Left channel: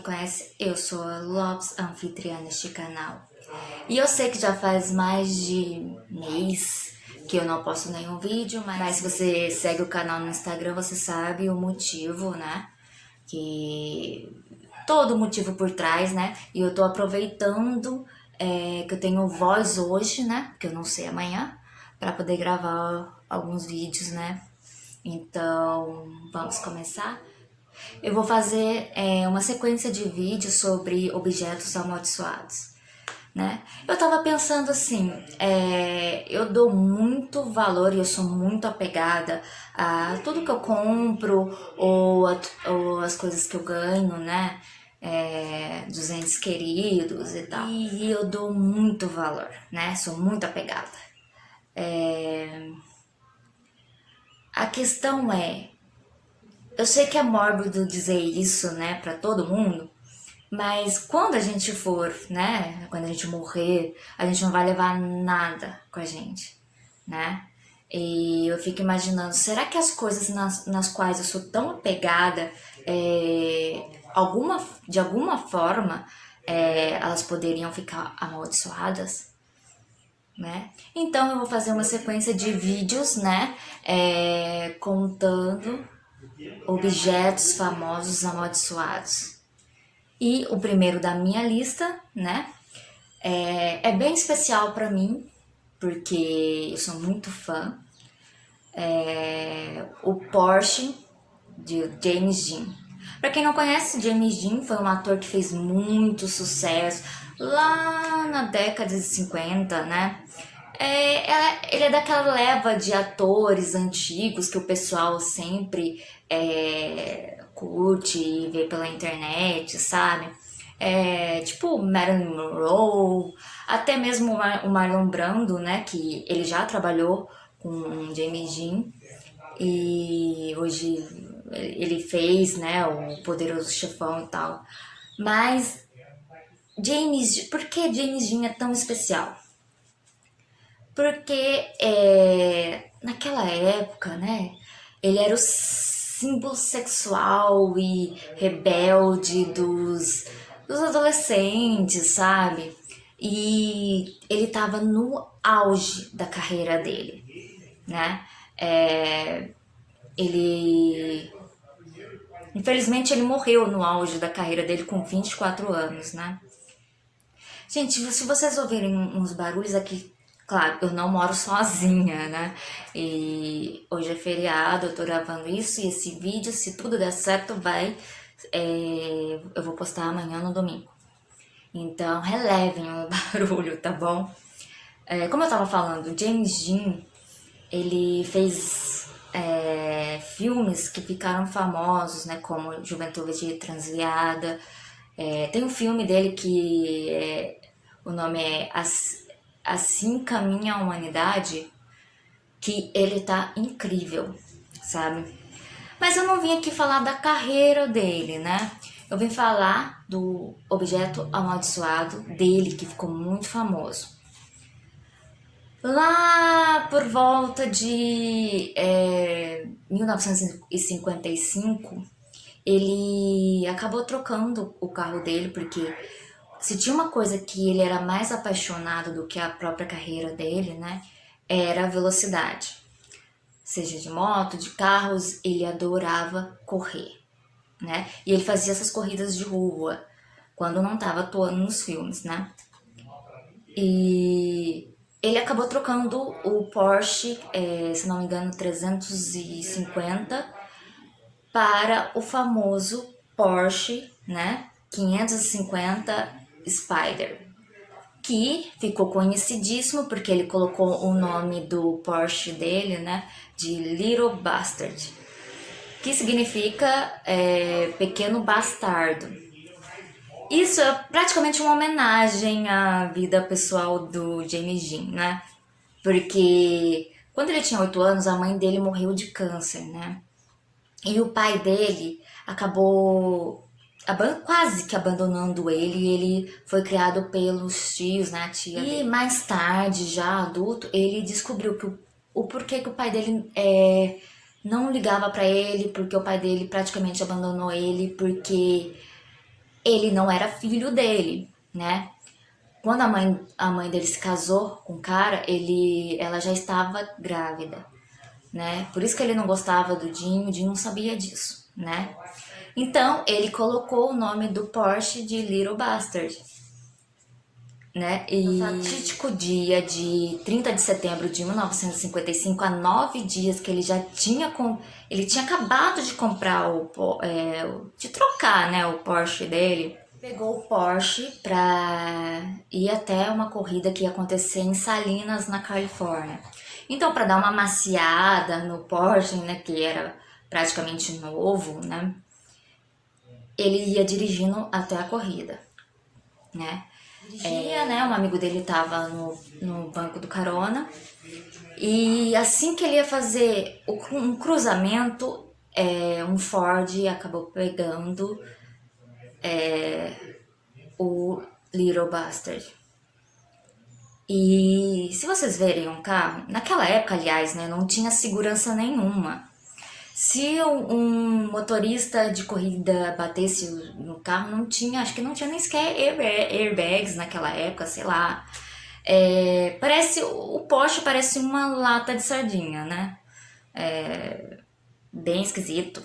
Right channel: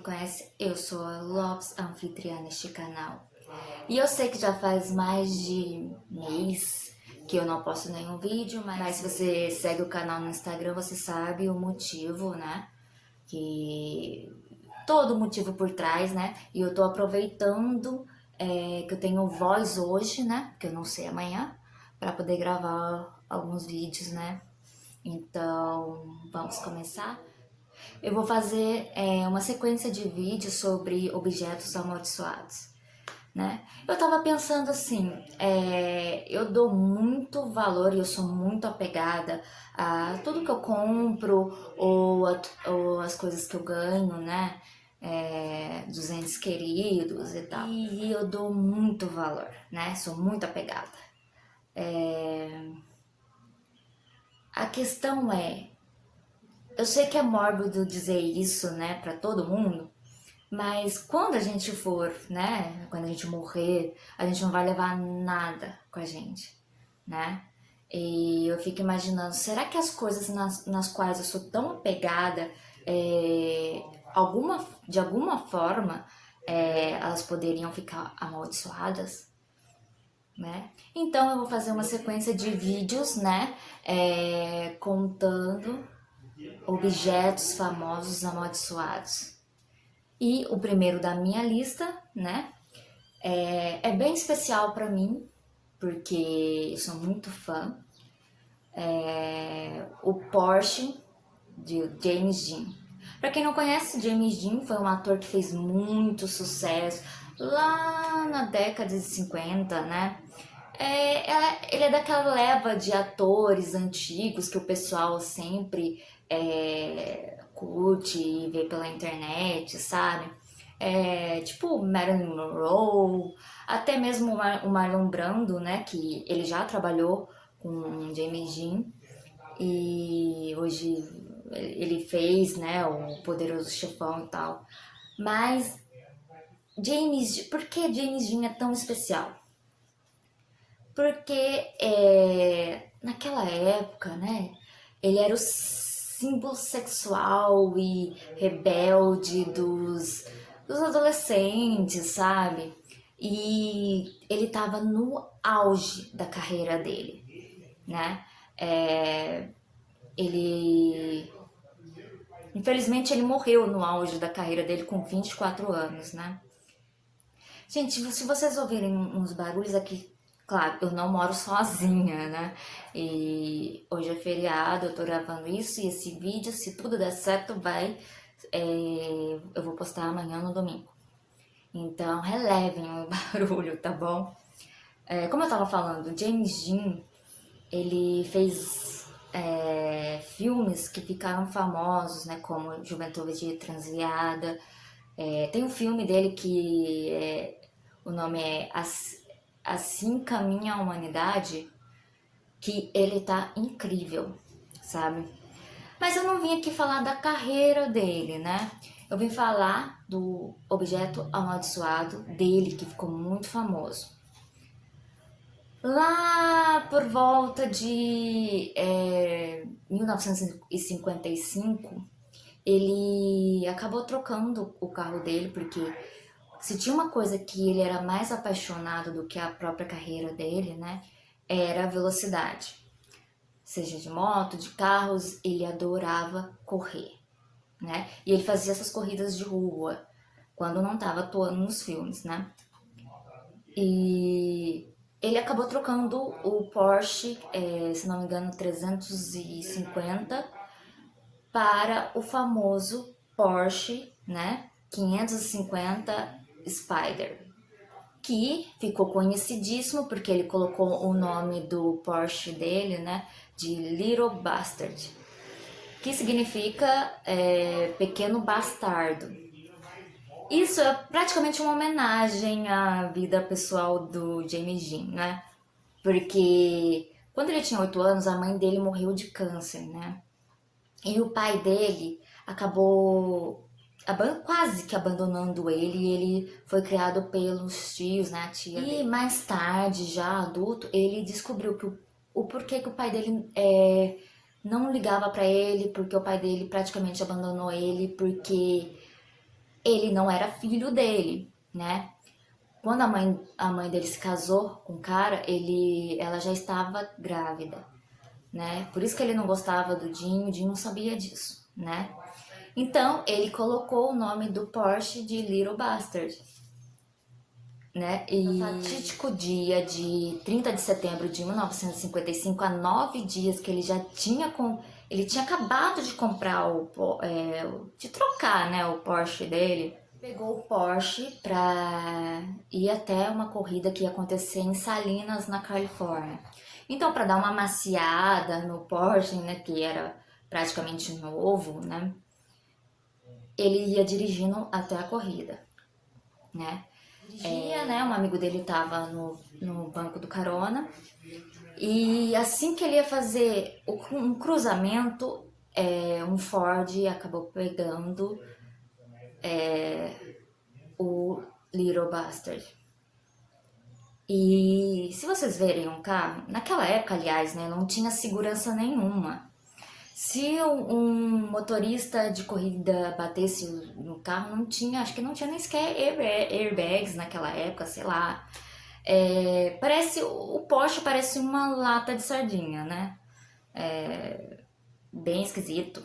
me conhece, eu sou a Lopes, anfitriã neste canal. E eu sei que já faz mais de mês que eu não posto nenhum vídeo, mas se você segue o canal no Instagram, você sabe o motivo, né? Que todo o motivo por trás, né? E eu tô aproveitando que eu tenho voz hoje, né? Que eu não sei amanhã, para poder gravar alguns vídeos, né? Então, vamos começar? Eu vou fazer uma sequência de vídeos sobre objetos amaldiçoados, né? Eu tava pensando assim, eu dou muito valor e eu sou muito apegada a tudo que eu compro ou as coisas que eu ganho, né? Dos entes queridos e tal. E eu dou muito valor, né? Sou muito apegada. A questão eu sei que é mórbido dizer isso, né, pra todo mundo, mas quando a gente for, né, quando a gente morrer, a gente não vai levar nada com a gente, né? E eu fico imaginando, será que as coisas nas quais eu sou tão apegada, de alguma forma, elas poderiam ficar amaldiçoadas? Né? Então eu vou fazer uma sequência de vídeos, né, contando objetos famosos amaldiçoados. E o primeiro da minha lista, né, é bem especial para mim, porque eu sou muito fã. O Porsche de James Dean. Para quem não conhece, James Dean foi um ator que fez muito sucesso lá na década de 50, né? Ele é daquela leva de atores antigos que o pessoal sempre curte e vê pela internet, sabe? Tipo Marilyn Monroe, até mesmo o Marlon Brando, né? Que ele já trabalhou com James Dean e hoje ele fez, né? O Poderoso Chefão e tal. Mas por que James Dean é tão especial? Porque naquela época, né, ele era o símbolo sexual e rebelde dos adolescentes, sabe? E ele tava no auge da carreira dele, né? Ele... Infelizmente ele morreu no auge da carreira dele com 24 anos, né? Gente, se vocês ouvirem uns barulhos aqui, claro, eu não moro sozinha, né? E hoje é feriado, eu tô gravando isso e esse vídeo, se tudo der certo, eu vou postar amanhã no domingo. Então, relevem o barulho, tá bom? Como eu tava falando, James Dean, ele fez filmes que ficaram famosos, né? Como Juventude Transviada. Tem um filme dele que o nome é Assim Caminha a Humanidade, que ele tá incrível, sabe? Mas eu não vim aqui falar da carreira dele, né? Eu vim falar do objeto amaldiçoado dele, que ficou muito famoso. Lá por volta de 1955, ele acabou trocando o carro dele, porque se tinha uma coisa que ele era mais apaixonado do que a própria carreira dele, né, era a velocidade. Seja de moto, de carros, ele adorava correr, né? E ele fazia essas corridas de rua, quando não estava atuando nos filmes, né? E ele acabou trocando o Porsche, se não me engano, 350 para o famoso Porsche, né, 550 Spider, que ficou conhecidíssimo porque ele colocou o nome do Porsche dele, né, de Little Bastard, que significa pequeno bastardo. Isso é praticamente uma homenagem à vida pessoal do James Dean, né? Porque quando ele tinha 8 anos, a mãe dele morreu de câncer, né? E o pai dele acabou quase que abandonando ele, e ele foi criado pelos tios, né, a tia. E mais tarde, já adulto, ele descobriu que o porquê que o pai dele não ligava pra ele, porque o pai dele praticamente abandonou ele, porque ele não era filho dele, né? Quando a mãe dele se casou com o cara, ela já estava grávida, né? Por isso que ele não gostava do Dinho, o Dinho não sabia disso, né? Então, ele colocou o nome do Porsche de Little Bastard, né? E no fatídico dia de 30 de setembro de 1955, há 9 dias que ele já tinha ele tinha acabado de comprar de trocar, né, o Porsche dele. Pegou o Porsche para ir até uma corrida que ia acontecer em Salinas, na Califórnia. Então, para dar uma maciada no Porsche, né, que era praticamente novo, né, ele ia dirigindo até a corrida, né? Dirigia, né? Um amigo dele estava no banco do carona. E assim que ele ia fazer um cruzamento, um Ford acabou pegando o Little Bastard. E se vocês verem um carro, naquela época, aliás, né, não tinha segurança nenhuma. Se um motorista de corrida batesse no carro, não tinha, acho que não tinha nem sequer airbags naquela época, sei lá. O Porsche parece uma lata de sardinha, né? Bem esquisito.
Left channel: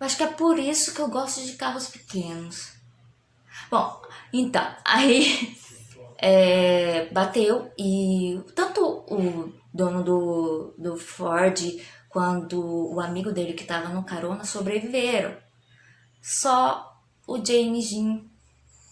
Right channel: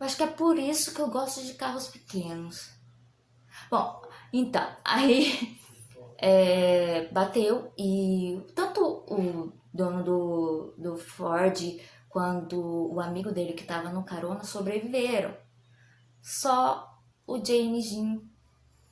Acho que é por isso que eu gosto de carros pequenos. Bom, então, aí bateu e tanto o dono do Ford quanto o amigo dele que estava no carona sobreviveram. Só o James Dean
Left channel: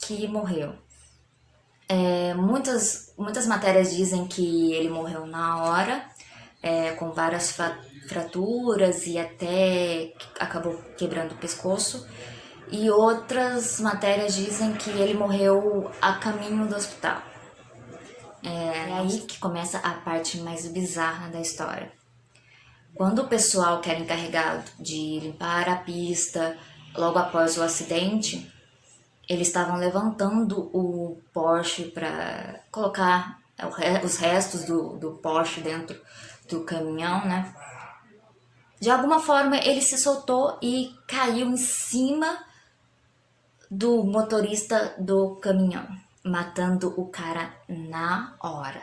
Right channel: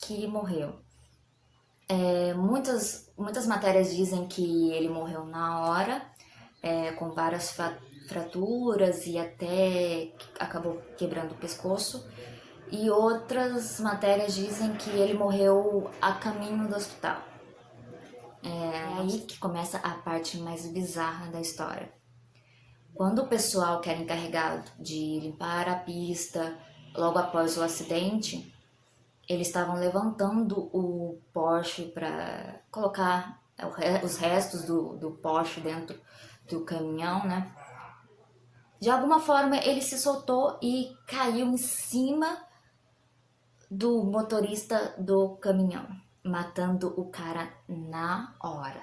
que morreu. Muitas matérias dizem que ele morreu na hora, com várias fraturas e até acabou quebrando o pescoço. E outras matérias dizem que ele morreu a caminho do hospital. É aí que começa a parte mais bizarra da história. Quando o pessoal que era encarregado de limpar a pista logo após o acidente, eles estavam levantando o Porsche para colocar os restos do Porsche dentro do caminhão, né? De alguma forma ele se soltou e caiu em cima do motorista do caminhão, matando o cara na hora.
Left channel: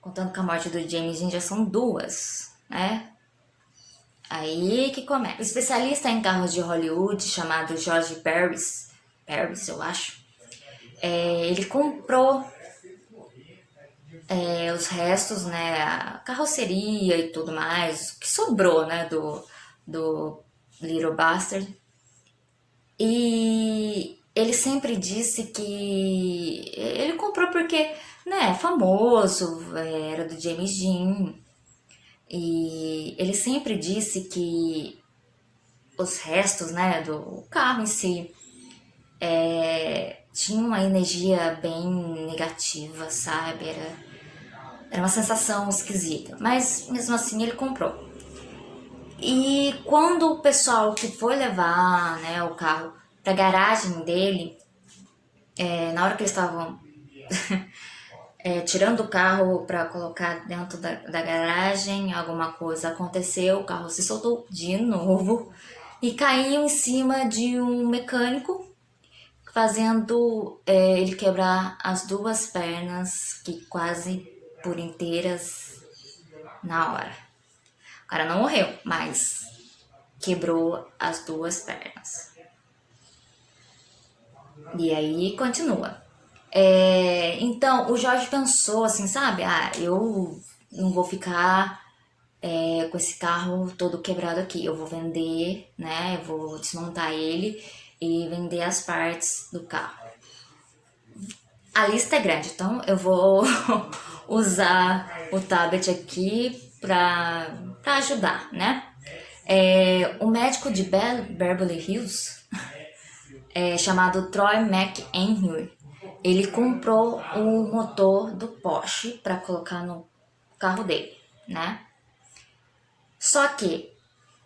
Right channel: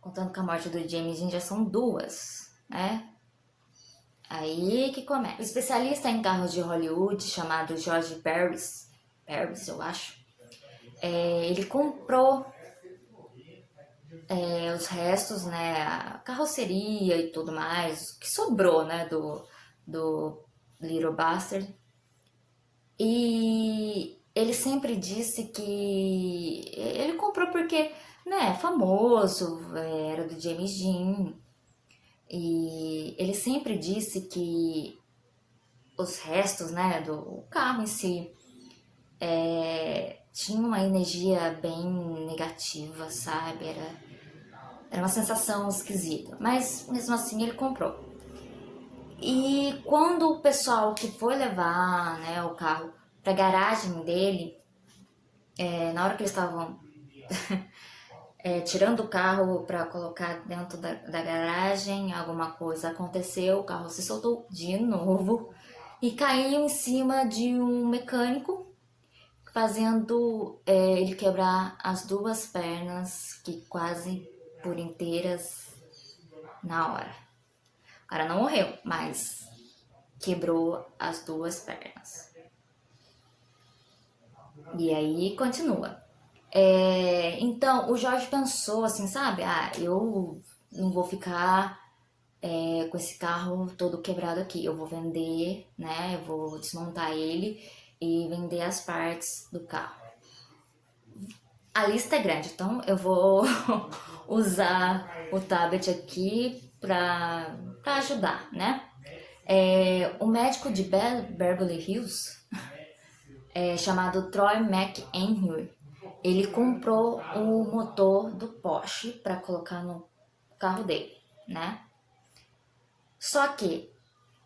Contando com a morte do James Dean já são 2, né? Aí que começa. O especialista em carros de Hollywood, chamado George Paris, eu acho, ele comprou os restos, né, a carroceria e tudo mais, o que sobrou, né, do Little Bastard. E ele sempre disse que ele comprou porque, né, famoso, era do James Dean. E ele sempre disse que os restos, né, do carro em si tinha uma energia bem negativa, sabe? Era uma sensação esquisita. Mas mesmo assim ele comprou. E quando o pessoal que foi levar, né, o carro para a garagem dele, na hora que eles estavam tirando o carro para colocar dentro da garagem, alguma coisa aconteceu, o carro se soltou de novo e caiu em cima de um mecânico, fazendo ele quebrar as 2 pernas, que quase por inteiras, na hora. O cara não morreu, mas quebrou as 2 pernas. E aí continua. Então, o Jorge pensou assim, sabe? Eu não vou ficar com esse carro todo quebrado aqui. Eu vou vender, né? Eu vou desmontar ele e vender as partes do carro. A lista é grande, então eu vou usar o tablet aqui para ajudar, né? O médico de Beverly Hills, chamado Troy McHenry, ele comprou o motor do Porsche para colocar no carro dele, né? Só que,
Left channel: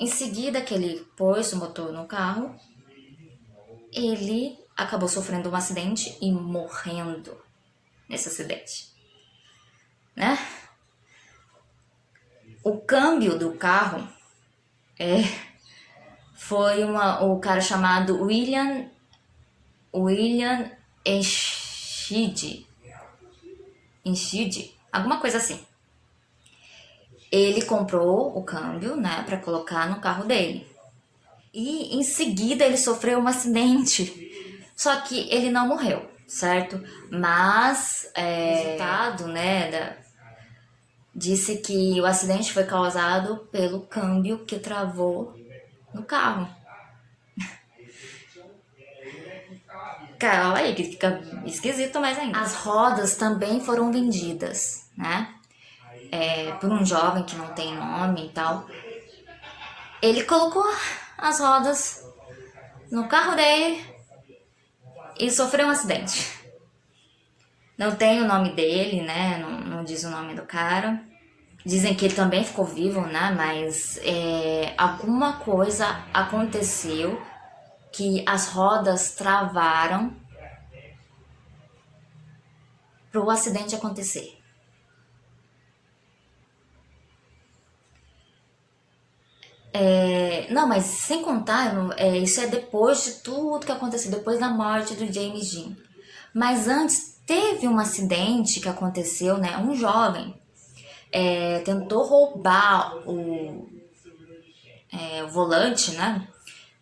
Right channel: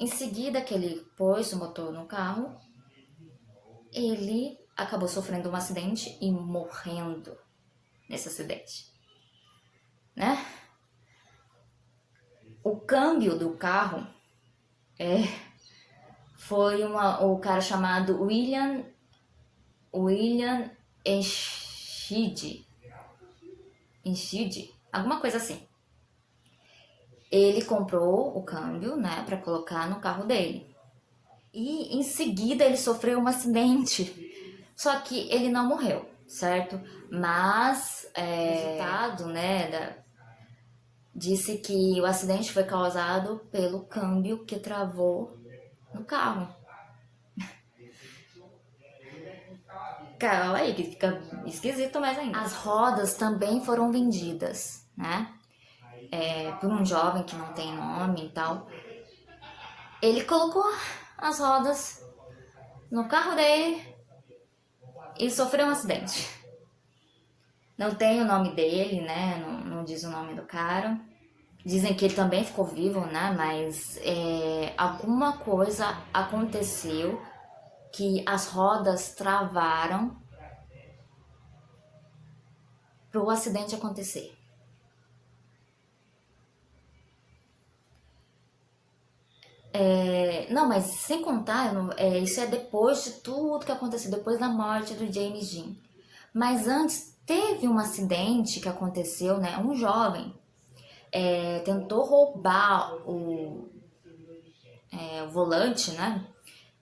em seguida que ele pôs o motor no carro, ele acabou sofrendo um acidente e morrendo nesse acidente, né? O câmbio do carro foi o cara chamado William Enschede, alguma coisa assim. Ele comprou o câmbio, né, para colocar no carro dele. E em seguida ele sofreu um acidente. Só que ele não morreu, certo? Mas o resultado, né, disse que o acidente foi causado pelo câmbio que travou no carro. Cara, olha aí, que fica esquisito mais ainda. As rodas também foram vendidas, né? Por um jovem que não tem nome e tal. Ele colocou as rodas no carro dele e sofreu um acidente. Não tem o nome dele, né? Não diz o nome do cara. Dizem que ele também ficou vivo, né? Mas alguma coisa aconteceu que as rodas travaram para o acidente acontecer. Não, mas sem contar, isso é depois de tudo que aconteceu, depois da morte do James Dean. Mas antes teve um acidente que aconteceu, né? Um jovem tentou roubar o volante, né?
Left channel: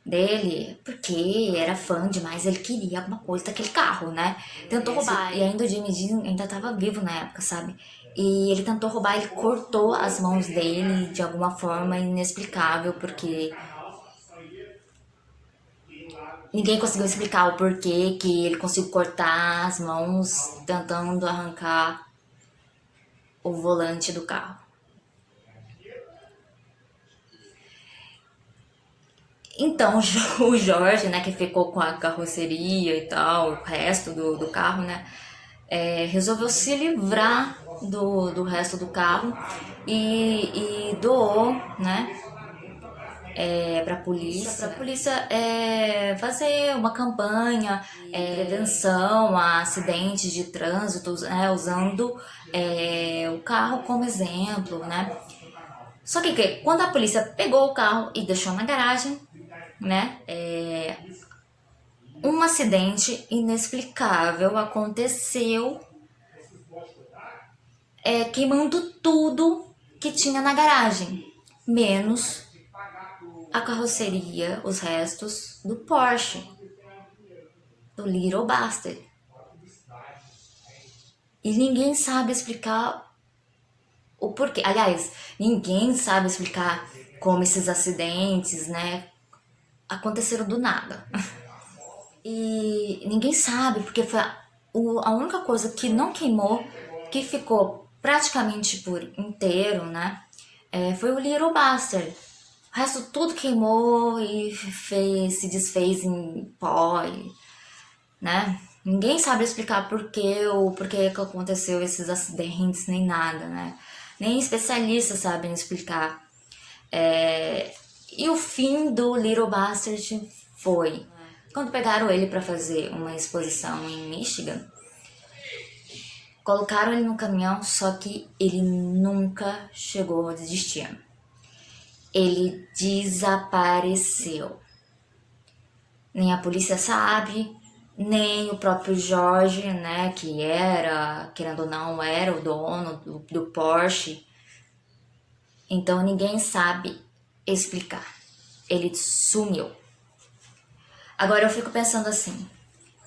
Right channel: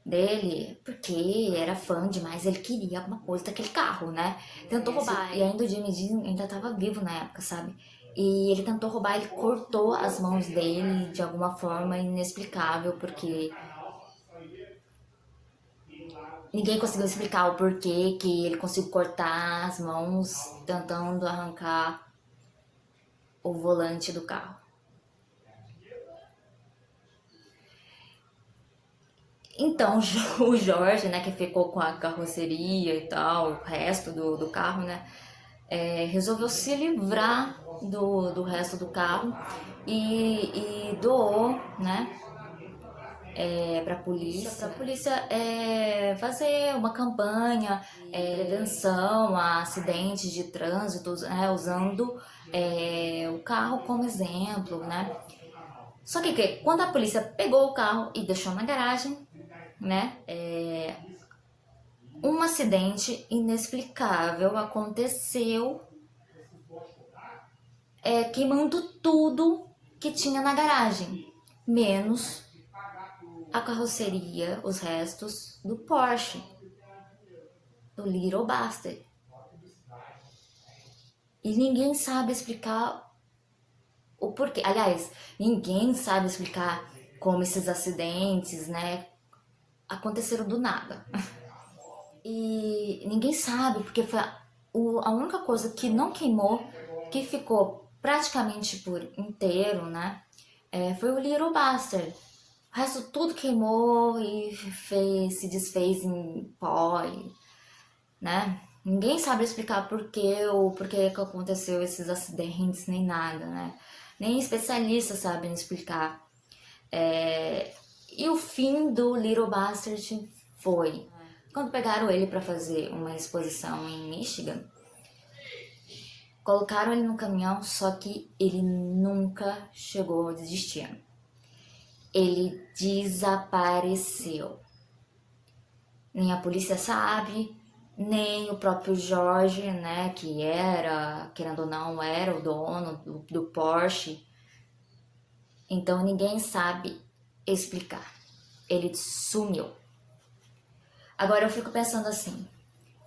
Dele, porque era fã demais, ele queria alguma coisa daquele carro, né? Tentou roubar, e ainda o James Dean ainda tava vivo na época, sabe? E ele tentou roubar, ele cortou as mãos dele de alguma forma inexplicável, porque ninguém conseguiu explicar o porquê que ele conseguiu cortar as mãos tentando arrancar o volante do carro. Então o Jorge, né, que ficou com a carroceria e tal, o resto do carro, né, resolveu se livrar do resto do carro e doou, né, para a polícia fazer uma campanha de prevenção a acidentes de trânsito, né, usando o carro como exemplo, né. Só que quando a polícia pegou o carro e deixou na garagem, né, um acidente inexplicável aconteceu, queimando tudo que tinha na garagem, menos a carroceria, os restos do Porsche, do Little Bastard. E ninguém sabe explicar o porquê. Aliás, ninguém sabe explicar como esses acidentes, né, aconteceram do nada. E ninguém sabe, porque foi a única coisa que não queimou, que ficou praticamente por inteiro, né, foi o Little Bastard. O resto tudo queimou e se desfez em pó, né? Ninguém sabe explicar por que aconteceu esses acidentes, nem nada, né? Nem especialistas sabem explicar. E o fim do Little Bastard foi quando pegaram ele para fazer uma exposição em Michigan. Colocaram ele no caminhão, só que ele nunca chegou a desistir. Ele desapareceu. Nem a polícia sabe, nem o próprio Jorge, né, que era, querendo ou não, era o dono do Porsche. Então ninguém sabe explicar. Ele sumiu. Agora eu fico pensando assim,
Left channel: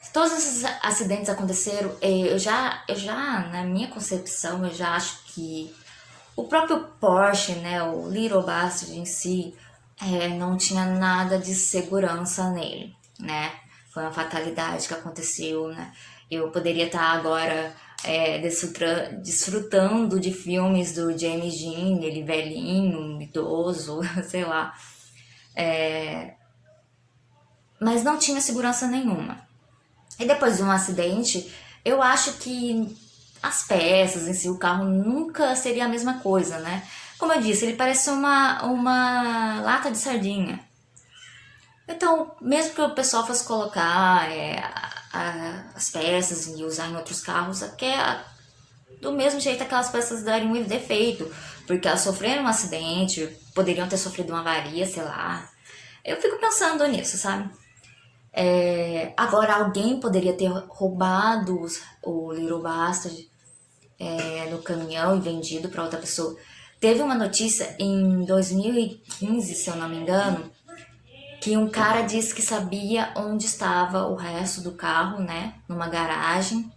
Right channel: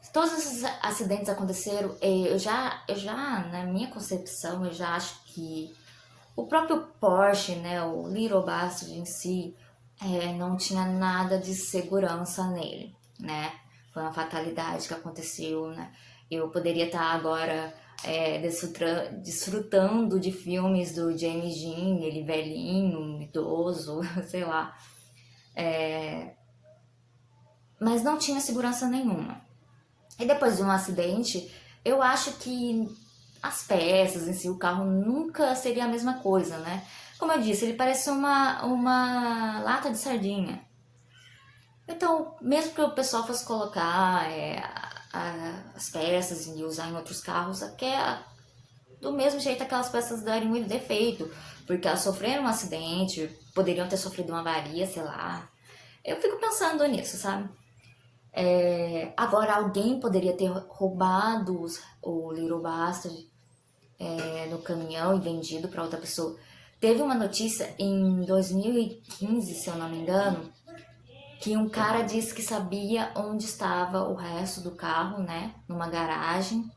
se todos esses acidentes aconteceram, eu já, na minha concepção, eu já acho que o próprio Porsche, né, o Little Bastard em si, não tinha nada de segurança nele, né? Foi uma fatalidade que aconteceu, né? Eu poderia estar agora desfrutando de filmes do James Dean, ele velhinho, idoso, sei lá. Mas não tinha segurança nenhuma. E depois de um acidente, eu acho que as peças em si, o carro nunca seria a mesma coisa, né? Como eu disse, ele parece uma lata de sardinha. Então, mesmo que o pessoal fosse colocar as peças e usar em outros carros, do mesmo jeito aquelas peças dariam um defeito, porque elas sofreram um acidente, poderiam ter sofrido uma avaria, sei lá. Eu fico pensando nisso, sabe? Agora, alguém poderia ter roubado o Little Bastard no caminhão e vendido para outra pessoa. Teve uma notícia em 2015, se eu não me engano, que um cara disse que sabia onde estava o resto do carro, né? Numa garagem.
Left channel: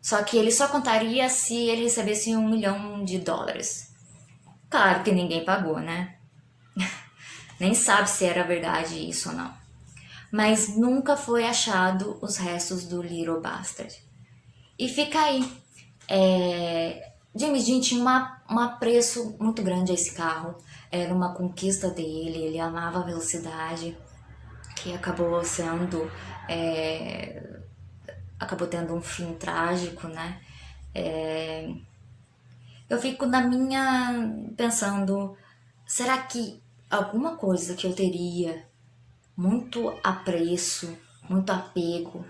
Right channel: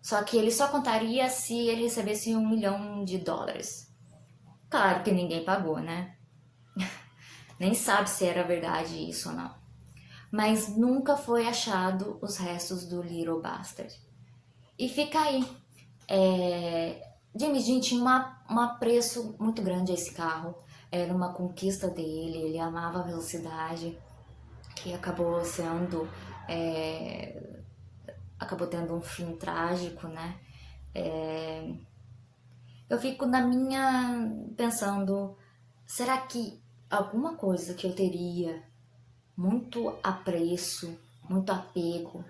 Só que ele só contaria se ele recebesse $1 milhão. Claro que ninguém pagou, né? Nem sabe se era verdade isso ou não. Mas nunca foi achado os restos do Little Bastard. E fica aí. James Dean tinha um apreço muito grande a esse carro. Era uma conquista dele, ele amava a velocidade, que acabou sendo. Acabou tendo um fim trágico, né? Eu fico na minha pensando, será que alguma coisa que eu teria muito apreço, muito apego,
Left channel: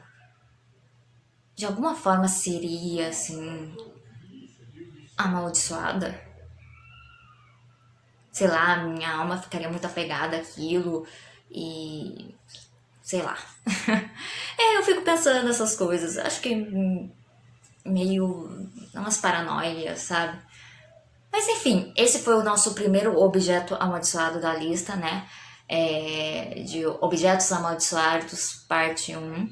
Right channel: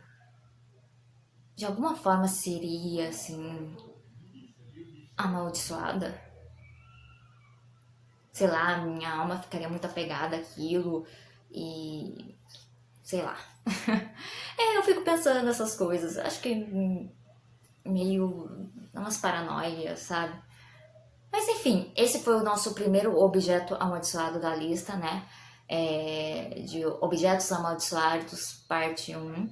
de alguma forma seria assim amaldiçoada? Sei lá, minha alma ficaria muito apegada àquilo e sei lá. Eu fico pensando nessas coisas. Acho que meio umas paranoias, sabe? Mas enfim, esse foi o nosso primeiro objeto amaldiçoado da lista, né? De objetos amaldiçoados, parte 1,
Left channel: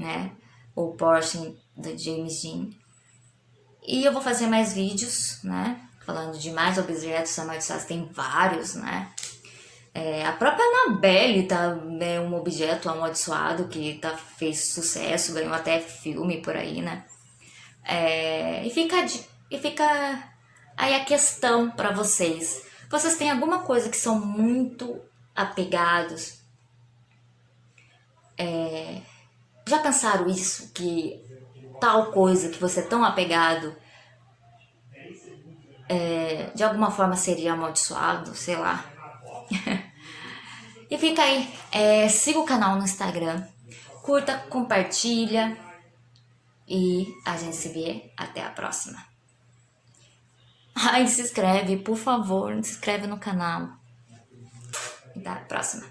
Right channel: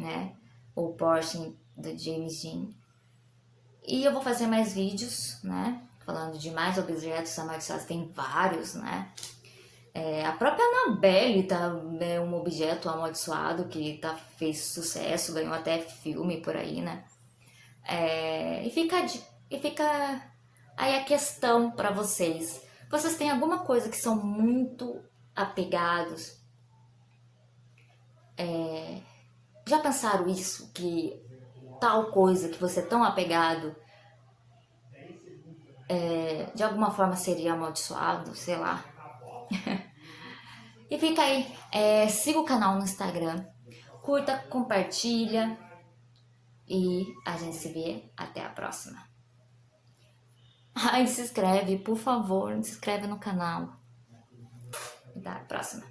né? O Porsche da James Dean. E eu vou fazer mais vídeos, né? Falando de mais objetos amaldiçoados, tem vários, né? A própria Annabelle tá, é um objeto amaldiçoado que fez sucesso, ganhou até filme por aí, né? E fica aí a questão para vocês. Vocês têm alguma coisa que são muito apegados? Já pensaram isso? Que tal coisa que você é tão apegado de alguma forma seria amaldiçoado, sei lá. E fica aí, siga o canal no Instagram, curta, compartilha e a gente se vê até a próxima. Ai, se inscreve, por favor, se inscreve no canal. Até a próxima.